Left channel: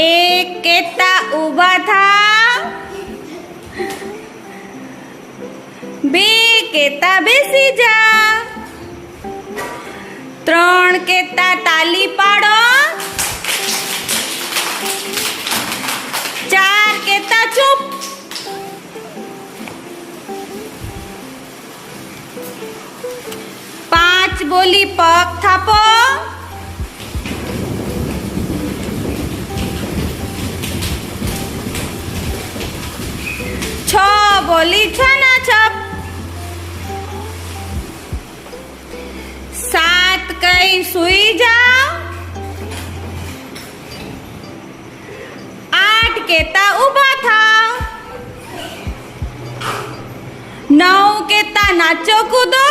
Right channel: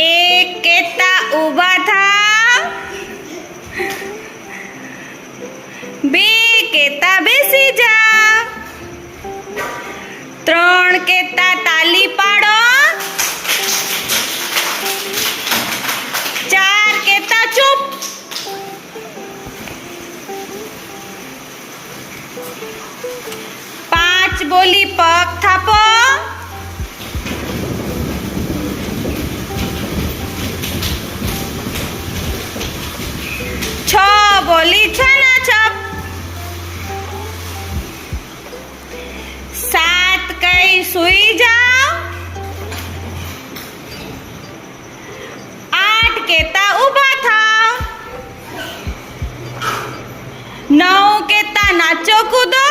એક કહેતા ઊભા થાવ, બે કહેતા બેસી જા, ત્રણ કહેતા તાલી પાડો, ચાર કહેતા ચૂપ, પાંચ બોલી પગ થાપો, છ બોલી છના છપ, સાત કઈ સુઈ જાઓ, આઠ કહેતા ઊભા થાવ, નવ કહેતા નાચો કૂદો,